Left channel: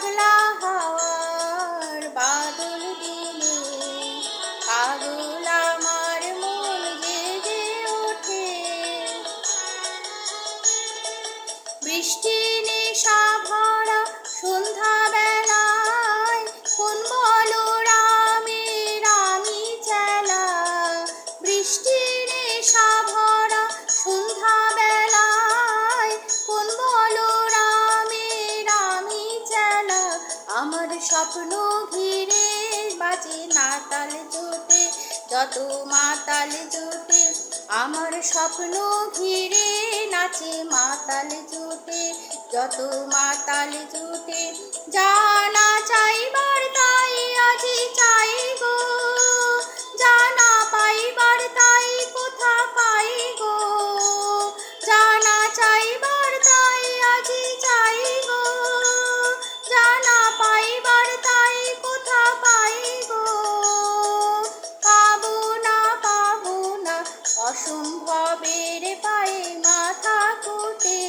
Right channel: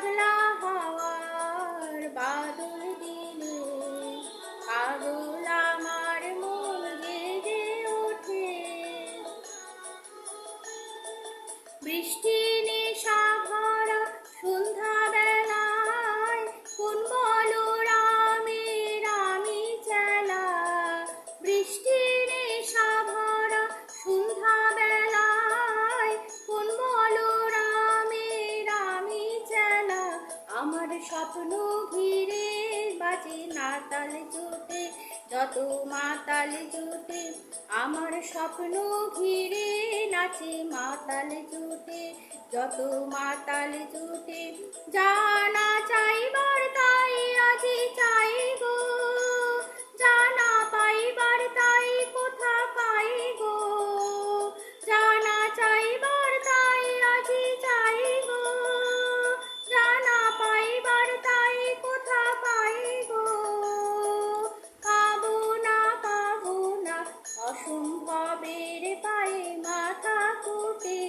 পাগলা হওয়ার বাদল দিলে পাগল আমার মন জেগে ওঠে। বৃষ্টি নেশা ভরা সন্ধ্যা বেলায় কোন বলরামের আমি চেলা। বৃষ্টি নেশা ভরা সন্ধ্যা বেলায় কোন বলরামের আমি চেলা। আমার স্বপ্ন ঘিরে বাজে নাতাল জোটে, যত মাতাল জোটে। আমার স্বপ্ন ঘিরে নাচে মাতাল জোটে, যত মাতাল জোটে। জানা চাইবার তাই আজি চাই গো, জানা পাইবার তাই কোথা পাই গো। জানা চাইবার তাই আজি চাই গো, জানা পাইবার তাই কোথা পাই গো। পাবো না অসম্ভবের পায়ে মাথা কোটে।